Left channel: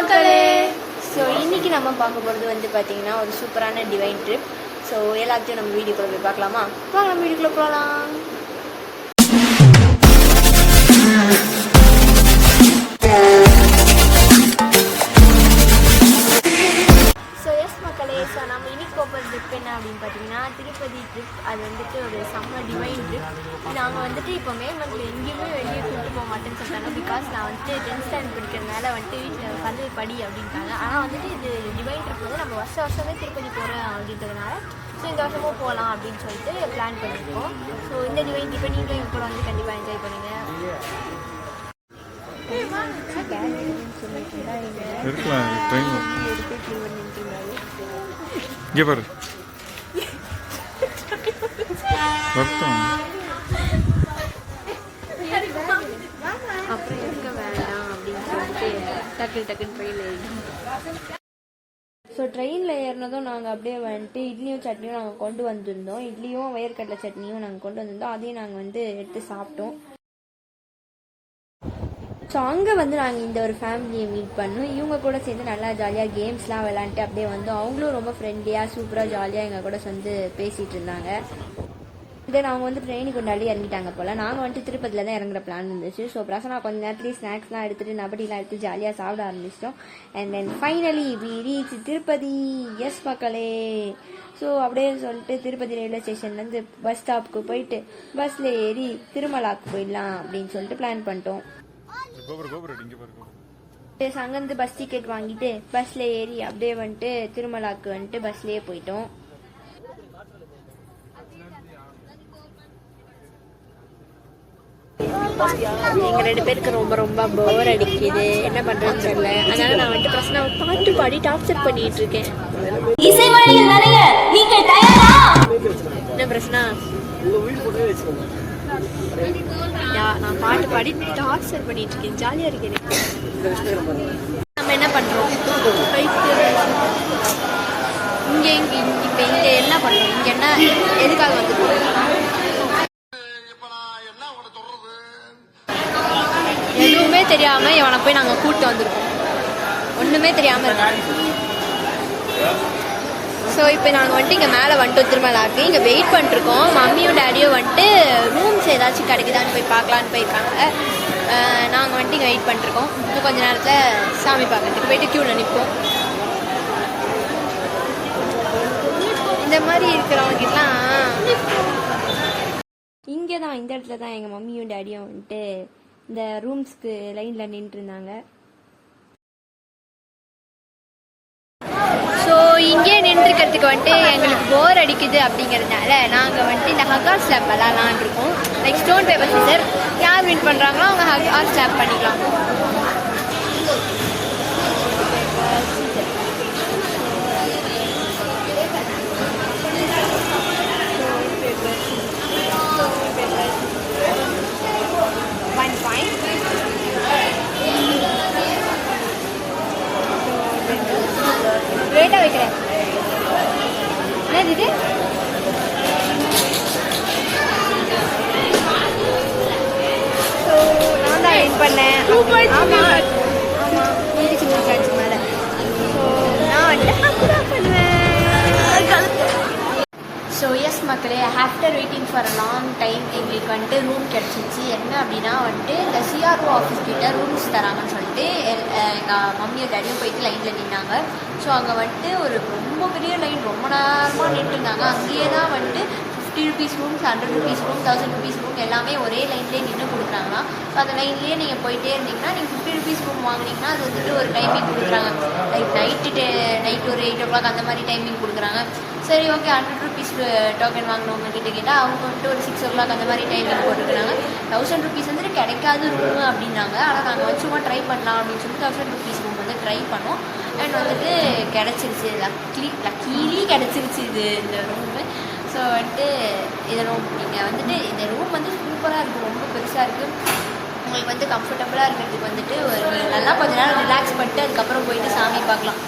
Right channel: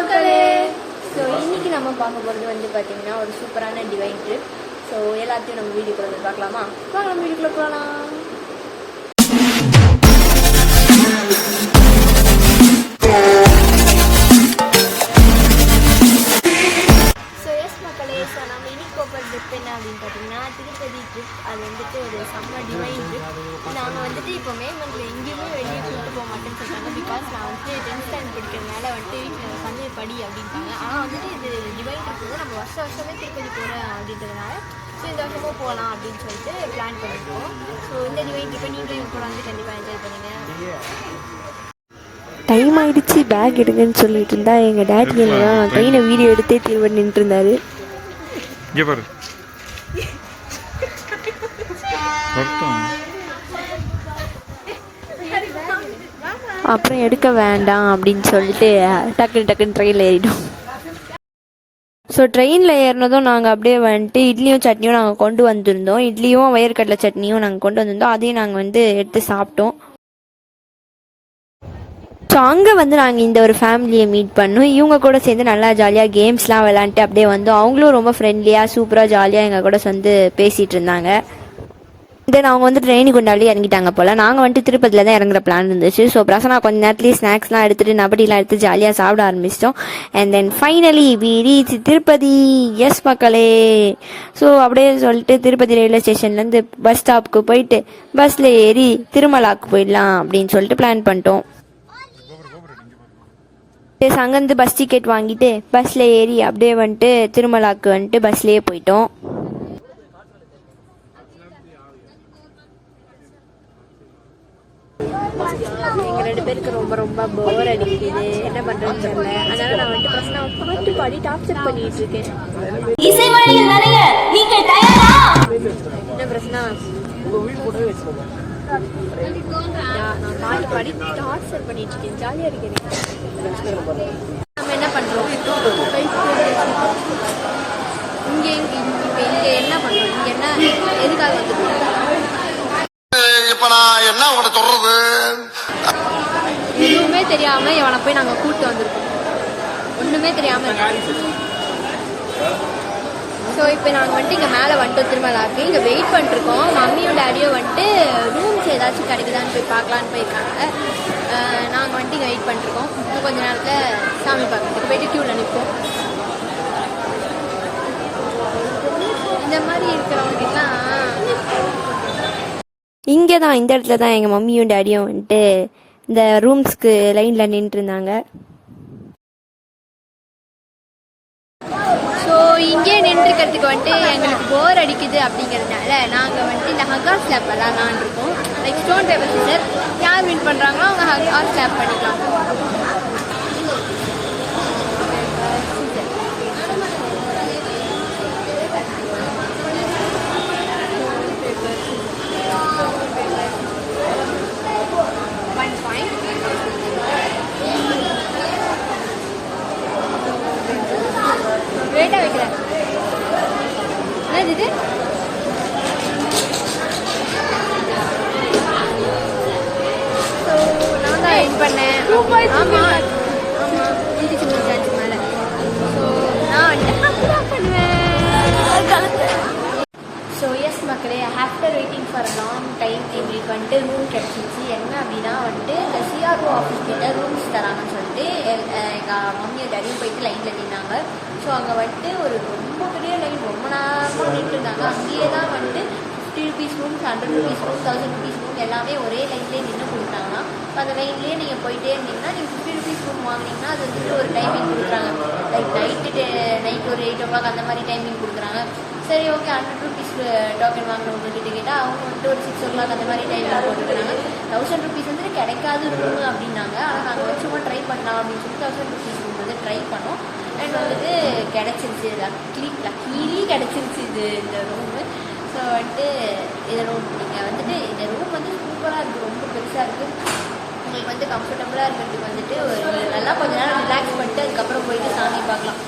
மக்களே. ஸோ இன்னைக்கு நம்ம பார்க்க போகிறது வந்து பார்த்தீங்கன்னா ஒரு சூப்பரான டிவைன் ட்ரிப். ஸோ எல்லாத்தையும் நம்ம வீடியோக்குள்ள போய் பார்க்கலாமா? வாங்க நம்ம வீடியோக்குள்ள போகலாம். ஸோ நம்ம இன்னைக்கு போகிற ட்ரிப் என்ன அப்படின்னு பார்த்தீங்கன்னா திருப்பதி ட்ரிப். அது வந்துட்டு ஒரு செம்ம டிவைன் ட்ரிப். நாங்கள் வந்துட்டு இப்போ மே மந்தில் எங்கேயுமே வெளியே கூப்பிட்டு போக மாட்டேன்னு சொல்லிட்டாங்க. பிகாஸ் நான் வந்துட்டு 10th ஸ்டாண்டர்ட் படிக்கிறதுனால வந்துட்டு வீட்டில் வந்து படி அப்படின்ட்டாங்க. ஆனால் வந்துட்டு இது டிவைன் ட்ரிப் வந்து நம்ம வருஷமே திருப்பதி போகிறேன் அப்படின்றதுனால ஸோ இந்த வருஷமும் போகலாம் அப்படின்னு சொல்லிட்டு பிளான் பண்ணியிருக்கோம். ஸோ இந்த டிவைன் ட்ரிப்பை நீங்களும் எங்கள் கூட வந்து கண்டிப்பாக என்ஜாய் பண்ணுங்க. டைம் ஆகிடுச்சு, பேக் எடுங்கன்னு சொல்லிட்டு இருந்தா எங்கள் டேடி ட்ரெயினை வீடியோ எடுத்தே தீர்வு நின்று இருந்தாரு. இங்கே பாரு, அப்புறம் எடுக்க வேண்டாம் அப்படின்னு சொல்லிட்டு டக்குன்னு ட்ரெயினில் ஏறிட்டோம். ஸோ ட்ரெயினில் ஏறினதும் நாங்கள் அப்படியே வந்துட்டு இட்லியும் சட்னியும் நாங்கள் கொண்டு வந்திருந்தோம். இட்லியும் வயற்கடலை சட்னியும் நாங்கள் கொண்டு வந்திருந்தோம். அதையும் நாங்கள் வந்து எடுத்து சாப்பிட்டோம். ஸோ அங்கே வந்து நாங்கள் இந்த ஒரு ஃபேமிலியை மீட் பண்ணோம். இவங்க கூட சேர்ந்து நல்லா ஜாலியாக கேம்ஸ்லாம் விளாண்டுட்டு அப்படியே வந்தோம். அவங்களும் ரொம்ப ஃப்ரெண்ட்லியாக சூப்பராக ஜாலியாக எங்கள் கூட வந்து பேசிகிட்டு இருந்தாங்க. தென் அவங்க வந்து ட்ரெயினுக்கு கொண்டாடி இறங்கிட்டாங்க போல். நாங்கள் வந்துட்டு திருப்பதியில் தான் இறங்குற பிளான் இருந்துச்சு. ஸோ பிரசனா கொஞ்ச நேரத்துலேயே ஸ்நாக்ஸ்லாம் எடுத்துகிட்டு நபடிலாம் எடுத்து ஜாலியாக சாப்பிட ஆரம்பிச்சிட்டோம். And then finally we reach Tirupati. Yes மக்களே. ஸோ அப்படியே சொல்லிட்டு திருப்பதி ரயில்வே ஸ்டேஷன்லேருந்து பஸ் ஸ்டாப்புக்கு போயிட்டு பஸ்ஸில் ஏறி திருமலாக்கு போயிடலாம் அப்படின்னு சொல்லிட்டு பிளான் பண்ணிட்டோம். அங்கேருந்து பஸ் டிக்கெட் வாங்கிட்டு பஸ்ஸில் ஏறி அப்படியே வந்துட்டு திருமலாக்கு வந்துட்டு பஸ்லேயே போயிட்டோம். எங்கள் 2 பேருக்கு ரொம்ப ரொம்ப போர் அடிக்குது. என்ன பண்ணுறதுன்னு தெரியல. அதனால நான் வந்துட்டு பிரச்சனை பாட்டு பாடி டார்ச்சர் பண்ணிட்டு இருக்கேன். என்ன பிரச்சனை? நான் பாட்டு பாடி டார்ச்சர் பண்ணிட்டு இருக்கேன். ஜாலியாக இருக்கேன். நம்ம என்ன பண்ணுறோம்? இங்கே இப்போ இங்கே என்ன பண்ணுறோம்? இங்கே என்ன எதுக்காக வந்துருக்கோம்? எதுவுமே தெரியாம இவனை போய் நாங்க கூட்டு வந்திருக்கோம். ஒண்ணுமே தெரியாம இருக்காங்க. ஸோ இப்போ நாங்கள் வந்துட்டு இங்கே மேலே வந்துட்டு திருமலாக்கு இங்கே வெயிட் பண்ணிருக்கோம். மம்மியும் டேடியும் வந்துட்டு ரூம்ஸ் ஏதாச்சும் கிடைக்குதான்னு போய் பார்க்கலான்னு போயிருக்காங்க. நாங்கள் வந்துட்டு இங்கே வெயிட் பண்ணிருக்கோம். இன்னும் கொஞ்சம் நேரத்தில் சாமி பார்க்கறதுக்கு போயிட்டு க்யூவில் நிற்போம். இந்த மாதிரி இருக்கிறவங்கலாம் இங்கே தான் இந்த இடத்துல தான் எங்கள் மம்மியும் டேடியும் வந்துட்டு இந்த ரூம்ஸ்க்கு லைனில் நின்றுருந்தாங்க. ஸோ இங்கே நின்றுக்கிறதுக்கு வந்துட்டு எங்களுக்கு போர் அடிக்குது அப்படிங்கிறதுனால நாங்கள் வந்துட்டு இந்த ஹகா ஸ்லாப் விளாட்லான் இருக்கோம். லைக் ஸ்டோன் பேப்பர் சிசர் யார் வின் பண்ணுறாங்களோ அவங்க ஹகா ஸ்லாப் பண்ணிக்கலாம். ரேட்டாக வைக்கிறேன். என்னது இது? ஸோ நான் தான் வின் பண்ணேன். ஆமாம் முடிச்சு முடிச்சாச்சு மேலே. ஸோ நான் வந்துட்டு தான் பண்ணுவேன். ஸோ எஸ் மக்களே, after waiting for a long time எங்களுக்கு வந்துட்டு ரூம் கிடச்சிச்சு. என்ன அப்படின்னா வந்துட்டு இந்த சிஆர்ஓ ஆஃபீஸ் கிட்ட ரூம்ஸ் தராங்கன்னு சொல்லிட்டு எங்கள் மம்மியும் டேடியும் போயிட்டு லைனில் நின்னாங்க. ஸோ அங்கே வந்துட்டு ஒரு ரொம்ப பெரிய லைன், ரொம்ப நேரமாக நின்றுருந்தாங்க. அங்கேயே தான் வந்துட்டு 50 rupees rooms, 100 rupees room, 1000 rupees room எல்லாமே ஒரே லைன்லேயே நின்று கொடுக்குறாங்கன்னா. ஸோ அந்த லைன்லேயே நீங்கள் போயிட்டே இருந்தீங்கன்னா நீங்கள் 50 rupees ரூம் வாங்கினீங்கன்னா அது வந்துட்டு ஒரு டைமிங் கொடுக்குறாங்க. லைக் நைட் ஒரு 8 o'clock அந்த மாதிரி டைமிங் கொடுக்குறாங்க. சரி ஓகே, 100 rupees டோக்கன் வாங்கினவங்க கிட்ட கேட்டால் அவங்க வந்துட்டு ஒரு 6 o'clock அந்த மாதிரி டைமிங் போட்டுருக்காங்க. 1000 rupees வந்துட்டு கிடைக்காது ரூமு அப்படின்னாங்க. ஆனால் நாங்கள் வச்சுமா ட்ரை பண்ணலாம் அப்படின்னு சொல்லிட்டு 1000 rupees ரூம் வந்து ட்ரை பண்ணோம். அண்ட் வந்துட்டு கிடச்சிருச்சு. லக்கீலி கிடச்சிருச்சு இந்த ரூமு. ஸோ வந்துட்டு இந்த ரூம் நீங்கள் வந்துட்டு இந்த ரூம் வந்து சூப்பராக இருக்குது, ரொம்ப பெருசாக இருக்குது. உங்களுக்கு வந்து கம்ஃபர்டபுளாக இருக்கிறதுக்கு வந்துட்டு நீங்கள் நல்லா கொஞ்சம் நேரம் ரிலாக்ஸ் பண்ணிட்டு அதுக்கப்புறம் போயிட்டு சாமி பார்க்கலாம்.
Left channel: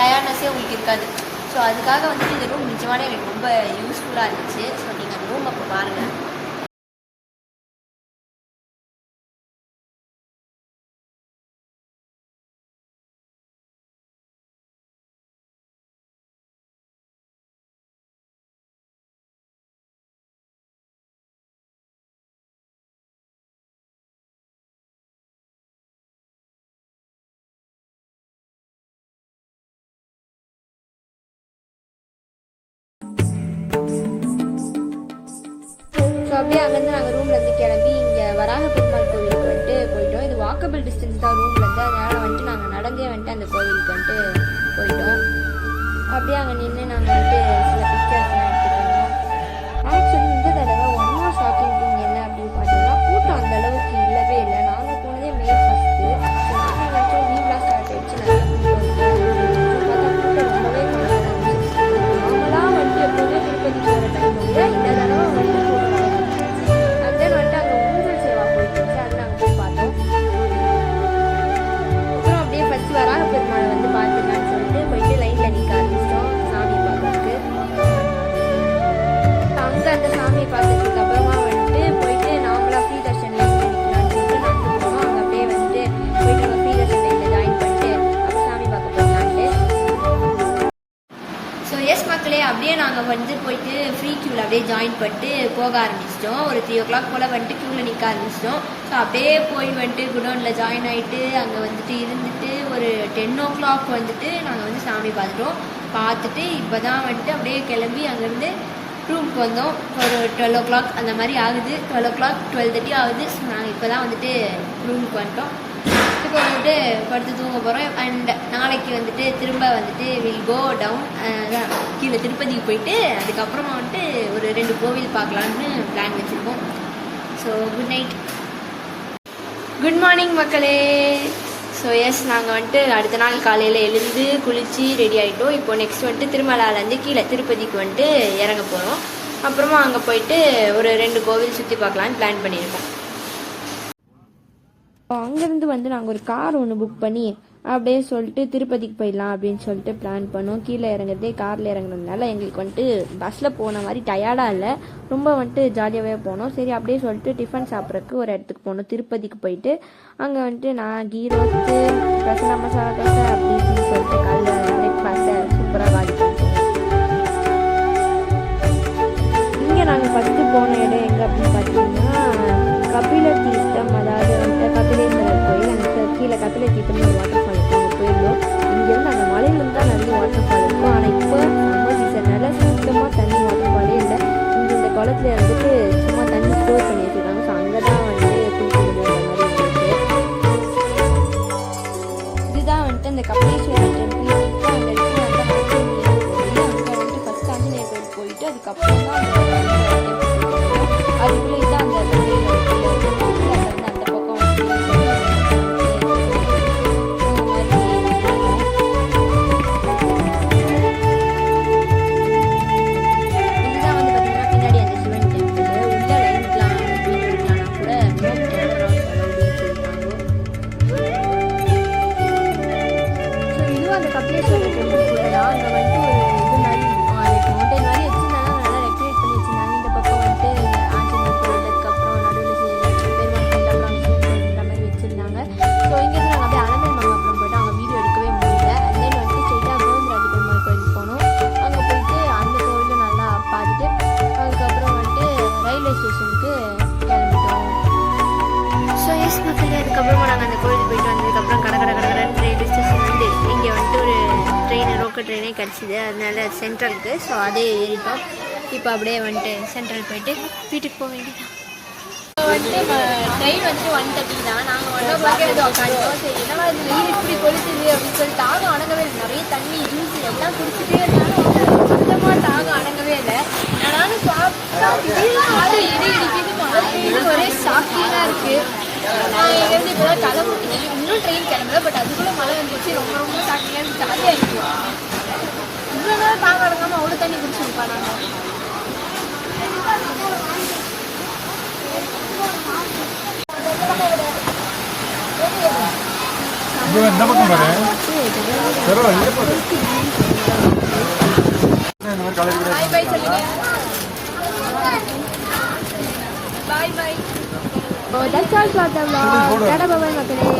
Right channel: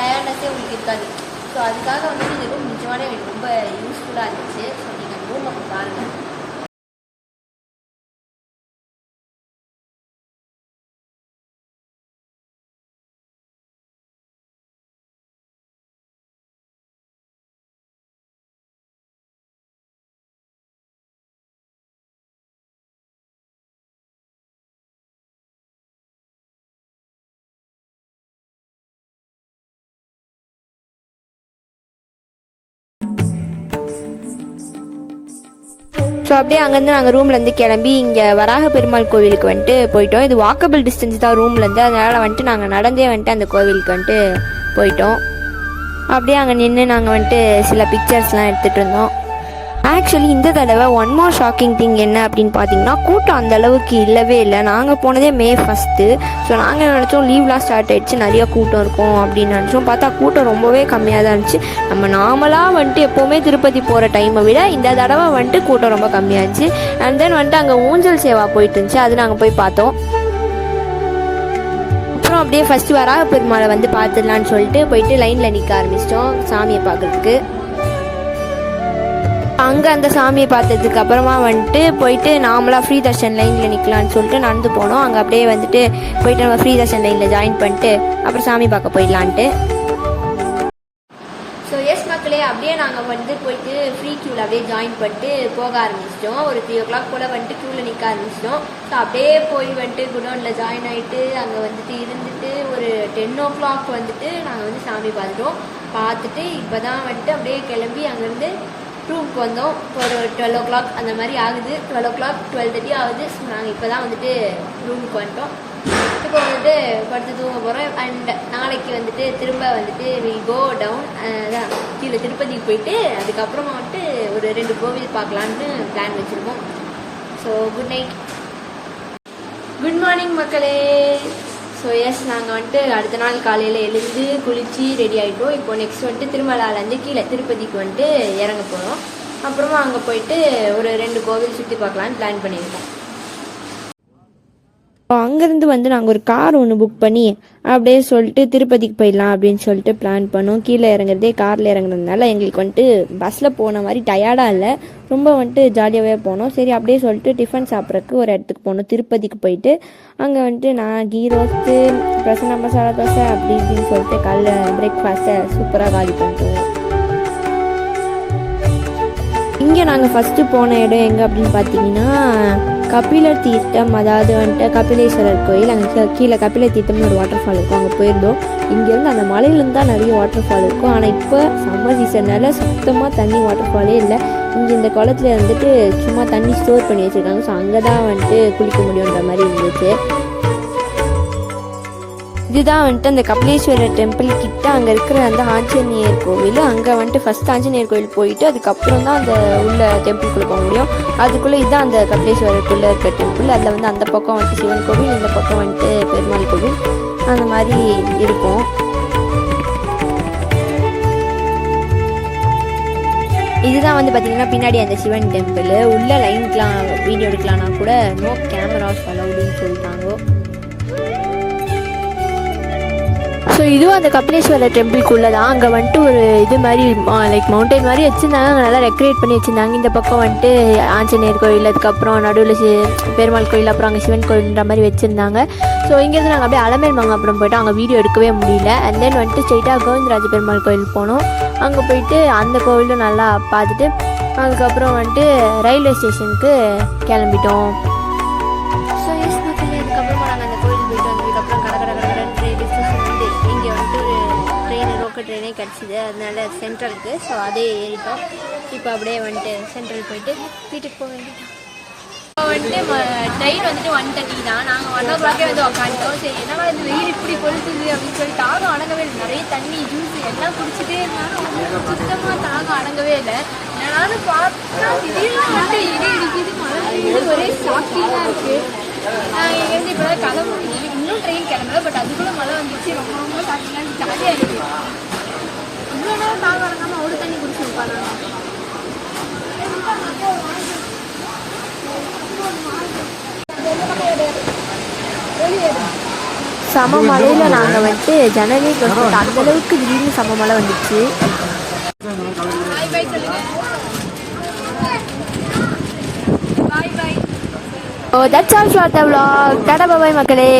டயர்ட்னஸே உங்களுக்கு இருக்காது. ஸோ அதுக்காக வந்துட்டு இந்த ரூம் நிஜமான எனக்கு ரொம்ப யூஸ்ஃபுல்லாக இருந்துச்சு. ஸோ நீங்கள் அந்த ரூம் அப்போ பாருங்கள். அப்படியே அங்கேருந்து நாங்கள் ரூம்லேருந்து கிளம்பி இங்கே வராக பெருமாள் கோவிலுக்கு வந்துட்டு போயிட்டோம். இது வாக்கபிள் டிஸ்டன்ஸ் தான் ரூம்லேருந்து, அதனால் வந்துட்டு நாங்கள் நடந்தே வந்துட்டு அந்த கோவிலுக்கு வந்துட்டு போயிட்டோம். அப்படியே அங்கே நின்று நாங்கள் வந்துட்டு சில பிக்சர்ஸ்லாம் எடுத்துகிட்டு இருந்தோம். ஆக்சுவலி இந்த தடவை ஒன் மோர் ஷாக்கிங் திங் என்ன அப்படின்னு பார்த்தீங்கன்னா, கூட்டம் அந்த அளவுக்கு இல்லவே இல்லை. நாங்கள் போனதே May 1. ஸோ நாங்கள் நினச்சோம் லீவ்லாம் ஸ்டார்ட் ஆகிடுச்சு, நிறைய கூட்டம் இருக்கும் அப்படின்னு நினச்சோம். பார்த்தா கூட்டம் ரொம்பவே கம்மியாக தான் இருந்துச்சு. நம்ம நார்மலாக வந்துட்டு எப்போவுமே திருப்பதி போகிற டைமை விட இந்த தடவை வந்துட்டு கூட்டம் ரொம்ப கம்மியாச்சு. அண்ட் தென் வந்துட்டு அங்கே ஊஞ்சல் சேவா போயிட்டு இருந்துச்சு, அது நாங்கள் போய் பார்த்தோம். அப்புறம் அப்படியே ஃபஸ்ட்டு வராக பெருமாளை வந்து பார்த்துடலான்னு சொல்லிட்டு போயிட்டு லைனில் நிற்க ஆரம்பிச்சிட்டோம் சாமியை பார்க்குறதுக்கு. அங்கே அந்த சாமியை பார்த்ததுக்கு அப்புறமா வந்துட்டு போயிட்டு நார்மலாக ஃப்ரீ தர்ஷன் லைனில் நிற்கலான்னு சொல்லிட்டு நடந்து போனோம். அங்கே அப்படியே வந்துட்டு போயிட்டு நம்ம ஃப்ரீ தர்ஷன் லைனில் ஜாயின் பண்ணிட்டு அப்புறம் சாமி பார்க்க போயிடலான்ட்டு. ஸோ எஸ் மக்களே, அப்படியே நாங்கள் வந்து போயிட்டு ஃப்ரீ க்யூவில் அப்படியே ஜாயின் பண்ணிட்டு போக ஆரம்பிச்சிட்டோம். ஒரு 3 o'clock போல் வந்துட்டு க்யூவில் நிற்க ஆரம்பிச்சிட்டோம். ஸோ அப்படியே போய் வந்துட்டு குடோனில் ஜாயின் ஆகிட்டு அங்கே வந்துட்டு இருந்துட்டு ஒரு 10 o'clock வந்துட்டு நாங்கள் வந்து சாமி பார்த்துட்டு இப்போ தான் வந்துட்டு அப்படியே கிளம்பி அங்கேருந்து ரூமுக்கு வந்தோம். ஒரு 12 o'clock அந்த மாதிரி ஆகுது, 12 o'clock 12:30 ஆகுது. ஸோ நாங்கள் இப்போ தான் வந்துட்டு ரூமுக்கு வந்துட்டோம். இப்போ வந்துட்டு படுத்து தூங்க போகிறோம். அண்ட் நாளைக்கு வந்துட்டு திரும்ப வந்துட்டு வில் கோ டவுன், அதான் கீழே திருப்பதிக்கு போயிட்டு அதுக்கப்புறமா வந்துட்டு ஒரு 2 கோவில் பார்க்கலான்னு பிளான் வச்சுருக்கோம். So good night, good morning மக்களே. ஸோ எஸ், நாங்கள் வந்துட்டு அடுத்த நாள் காலையில் எழுந்து குளித்து ரெடி ஆகிட்டோம். இப்போ நெக்ஸ்ட் வந்துட்டு திருமலாலேருந்து கீழே திருப்பதிக்கு வந்துட்டு இறங்க போகிறோம். அப்புறமா அங்கே போயிட்டு ஒரு 2 கோவில் சுற்றி பார்க்கலான்னு பிளான் பண்ணியிருக்கோம். அங்கேருந்து வந்து நாங்கள் ஒரு கார் ஒன்று புக் பண்ணி அப்படியே சொல்லிட்டு திருப்பதிக்கு போயிடலாம் அப்படின்னு சொல்லிட்டு பிளான் பண்ணோம். கீழே இறங்குறதே காரில் இறங்குறதுனால எங்களுக்கு வந்துட்டு பஸ்ஸில் போன மாதிரி டயர்டாக இல்லை, ரொம்ப வந்துட்டு ஜாலியாகவே போனோம். சரி அப்படியே சொல்லிட்டு டிஃபன் சாப்பிட்றதுக்கு ஒரு இடத்துக்கு போனோம். திருப்பதிக்கு போயிட்டு அங்கே வந்துட்டு நான் கீ ரோஸ்ட்டு பிரசன்னா மசாலா தோசை அப்படி இப்படின்னு சொல்லிட்டு காலைல பிரேக்ஃபாஸ்ட்டை சூப்பராக வாங்கி பண்ணிட்டோம். இங்கே நாங்கள் ஃபஸ்ட்டு போன இடம் எங்கே அப்படின்னு பார்த்தீங்கன்னா கபிலர் தீர்த்தம், அதாவது வந்துட்டு கபிலேஸ்வரர் கோயில். அங்கே கீழே கபிலர் தீர்த்தம்னு ஒரு வாட்டர் ஃபால் இருக்கும், அங்கே போயிருந்தோம். இங்கேருந்து அந்த மலையிலேருந்து தான் நிறைய வாட்டர் ஃபால் இருக்கும். ஆனால் இப்போ சம்மர் சீசன்னால சுத்தமாக தண்ணி வாட்டர் ஃபாலே இல்லை. இங்கே இந்த குளத்துல வந்துட்டு சும்மா தண்ணி ஸ்டோர் பண்ணி வச்சுருக்காங்க. ஸோ அங்கே தான் வந்துட்டு குளிக்க முடியுன்ற மாதிரி இருந்துச்சு. இதுதான் வந்துட்டு அந்த கபிலேஸ்வரர் டெம்பிள் கிட்ட அங்கே இருக்கிற அந்த ஆஞ்சநேயர் கோவில். அங்கே வந்துட்டு ஃபஸ்ட் ஆஞ்சநேயர் கோவில் போயிட்டு அதுக்கப்புறம் தான் அந்த உள்ள டெம்பிள் போக முடியும். அதுக்குள்ளே இதுதான் அந்த கபிலேஸ்வரருக்குள்ளே இருக்கிற டெம்பிள். அதில் வந்து அந்த பக்கம் வந்துட்டு சிவன் கோவில், இந்த பக்கம் வந்துட்டு பெருமாள் கோவில், அந்த மாதிரி இருக்கும். இதுதான் வந்து பார்த்தீங்கன்னா பின்னாடி அந்த சிவன் டெம்பிள். உள்ள லைனுக்குலாம் வீடியோ எடுக்கலாம்னா கூட நோ கேமராஸ் அலவுடுன்னு சொல்லிட்டாங்க. ஸோ இதுவும் அந்த கபிலேஸ்வரர் டெம்பிள்குள்ளே தான். அங்கே வந்துட்டு ஒரு இது மாதிரி லைக் மவுண்டைன் மாதிரி வச்சுருந்தாங்க, அங்கே நல்லா டெக்கரேட் பண்ணி வச்சுருந்தாங்க. இந்த பக்கம் வந்துட்டு ஆஞ்சநேயர் கோயில், அதுக்கப்புறம் நடுவில் பெருமாள் கோயில், அப்புறம் அங்கே சிவன் கோயில்ன்ற மாதிரி வச்சுருந்தாங்க. ஸோ இங்கேருந்து நாங்கள் அப்படியே அலமேல் மங்காபுரம் போய்ட்டு அங்கே வீடியோ எடுக்கவே முடியல. அண்ட் தென் வந்துட்டு ஸ்ட்ரெயிட்டாக கோவிந்தராஜ பெருமாள் கோயில் போனோம். அங்கே போயிட்டு அந்த கோவிலும் நல்லா பார்த்துட்டு அதுக்கப்புறம் வந்துட்டு ரயில்வே ஸ்டேஷனுக்கு கிளம்பிட்டோம். ஸோ எஸ் மக்களே, அதுக்கப்புறமா நாங்கள் அந்த கோயிலுக்கு போயிட்டு வந்ததுக்கப்புறம் கடற்கரை ரயில்வே ஸ்டேஷன் வந்து இங்கே வந்துட்டு ஒரு லோக்கல் ட்ரெயினே கிடச்சிது, அதனால சென்ட்ரலுக்கு. ஸோ அதே ஏறிட்டோம். இப்போ அப்படியே வந்துட்டு சென்ட்ரல் போயிட்டு வீட்டுக்கு போக வேண்டியதான். இப்போ வந்துட்டு ட்ரெயின் வந்துட்டு 1:30 தான். நாங்கள் 1 o'clock வந்து உட்காந்துட்டோம். சரி என்னவா இந்த வெயில் இப்படி கொளுத்துது அப்படின்னு சொல்லிட்டு தாகம் அடங்கவே இல்லை. நிறைய தண்ணி ஜூஸ் எல்லாம் குடிச்சிட்டு சுத்தமாக தாகம் அடங்கவே இல்லை. நானும் பார்த்தா திடீர்னு வந்துட்டு இடி இடிக்குது, மழை பெய்யுது, ஒரே சாப்பிட்டீங்கன்னா இருக்குது. நான் இங்கேருந்து இப்போ தான் கிளம்பி இன்னும் ட்ரெயின் கிளம்பல, பட் அதுக்குள்ளே மழை வந்துச்சு. ரொம்ப ரொம்ப சாப்பிட்டீங்கன்னா ஜாலியாக இருக்குது. இவ்வளோ நேரம் தாகம் அடங்காமல் அவ்வளோ தண்ணி குடிச்சிருப்பா நாங்கள். சம மழையில் நாங்கள் வந்துட்டு ஜனவரி அந்த அளவுக்கு திடீர்னு சம மழை வந்துச்சு. Bye bye. Oh, that's all for the vlog. Tada bye bye மக்களே.